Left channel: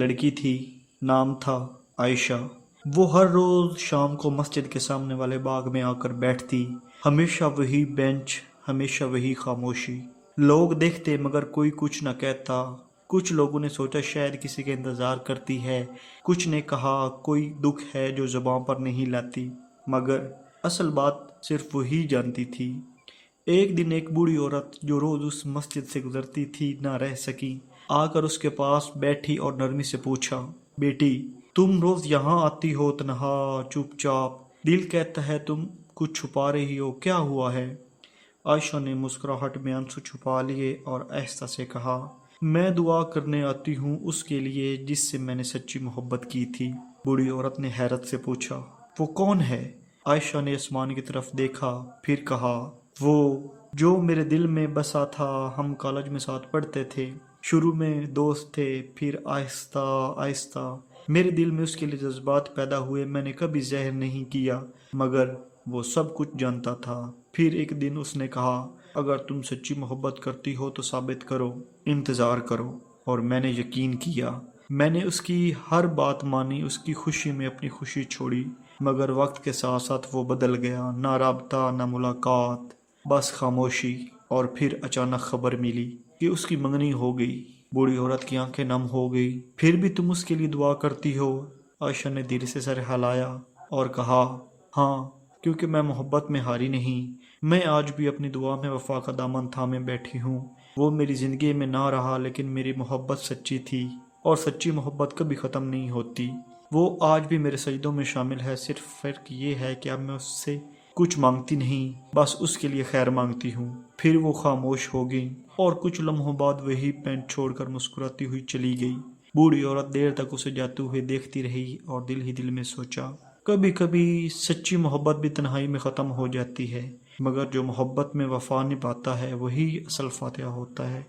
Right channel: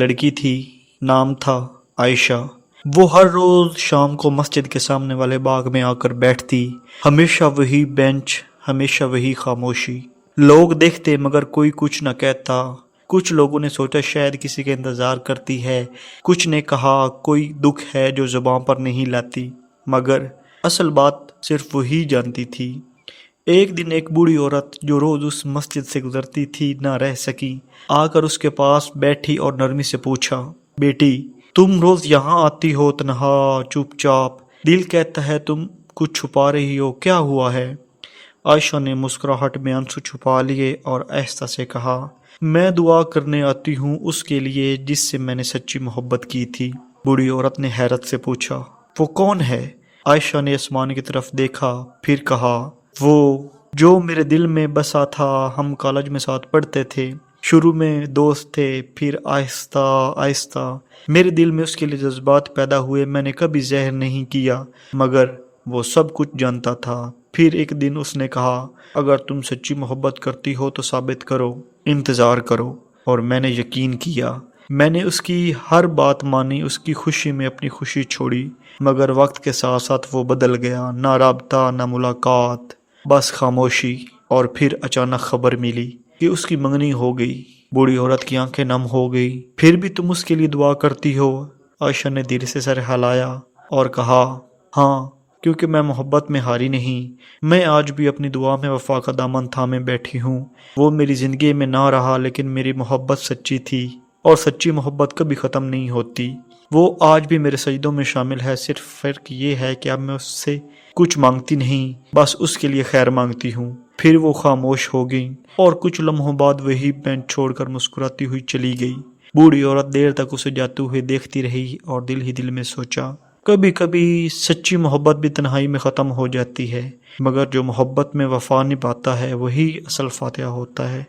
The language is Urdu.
لڑکی تھی، نام تھا عائشہ۔ وہ ہر روز شام کو مسجد کے سامنے والے باغ میں آ کر بیٹھتی، ہمیشہ وہی بینچ، ہمیشہ وہی خاموشی۔ لوگ دیکھتے مگر کوئی کچھ نہ کہتا۔ کچھ لوگوں نے سوچا شاید کسی کا انتظار کرتی ہے، کچھ نے کہا کوئی دکھ ہے جو زباں پر نہیں لاتی، مگر اصل بات صرف وہی جانتی تھی۔ ایک دن ایک بوڑھی عورت جو روز اس مسجد سے گزرتی تھی نہ رہ سکی، آ کر اس کے پاس بیٹھی اور نرمی سے پوچھا، بیٹی تم روز یہاں آتی ہو تنہا، چپ چاپ، دل کہتا ہے تم کچھ چھپا رہی ہو، کیا ہوا ہے؟ عائشہ نے مسکراہٹ میں آنسو چھپا لیے اور آہستہ سے کہا، میں دعا کرنے آتی ہوں اس کے لیے جس سے میں نے سچی محبت کی تھی۔ بوڑھی عورت نے حیرت سے پوچھا، وہ کون ہے؟ عائشہ نے آسمان کی طرف دیکھا، پھر کہا، وہ جو میرے دل میں بسا تھا، ہم کالج میں ساتھ پڑھتے تھے، شروع میں دوست تھے، پھر آہستہ آہستہ میرے دل میں اس کے لیے جذبات پیدا ہوئے، میں نے کبھی زہر نہیں کیا، مگر وہ سب کچھ جانتا تھا۔ پھر ایک دن اس نے کہا، اگر تم سچی محبت کرتی ہو تو ثابت کرو، انتظار کرو، اور میں نے یقین کیا۔ میں نے اس کی ہر بات مانی، اس کی خوشی میں اپنی خوشی چھوڑی، مگر وقت کے ساتھ ساتھ وہ بدل گیا، نہ رابطہ نہ ملاقات، بس خاموشی۔ اور پھر اچانک خبر ملی کہ اس کی منگنی ہو گئی۔ بوڑھی عورت کی آنکھیں نم ہو گئی۔ پھر بھی تم اس کے لیے دعا کرتی ہو؟ عائشہ نے دھیرے سے سر ہلایا اور کہا، ہاں، کیونکہ میں محبت میں ہاری نہیں۔ میں آج بھی اپنی دعا میں وفا کا دامن تھامے بیٹھی ہوں۔ وہ میری زندگی میں نہ رہا لیکن میری محبت سچی تھی، اور سچی محبت کبھی ختم نہیں ہوتی۔ وہ آج بھی میرے سجدوں میں شامل ہے، صرف فرق یہ ہے کہ اب میں اس سے کچھ مانگتی نہیں، بس اس کے لیے خیر مانگتی ہوں۔ پھر وہ خاموش ہو گئی اور کچھ لمحوں بعد وہی بینچ چھوڑ کر مسکراتی ہوئی چلی گئی۔ بوڑھی عورت دیر تک اسے جاتے ہوئے دیکھتی رہی اور دل ہی دل میں سوچا، کبھی کبھی سچی محبت بھی تنہائی میں ختم ہو جاتی ہے، مگر جو محبت میں وفا نبھاتا ہے وہی اصل فاتحہ ہوتا ہے۔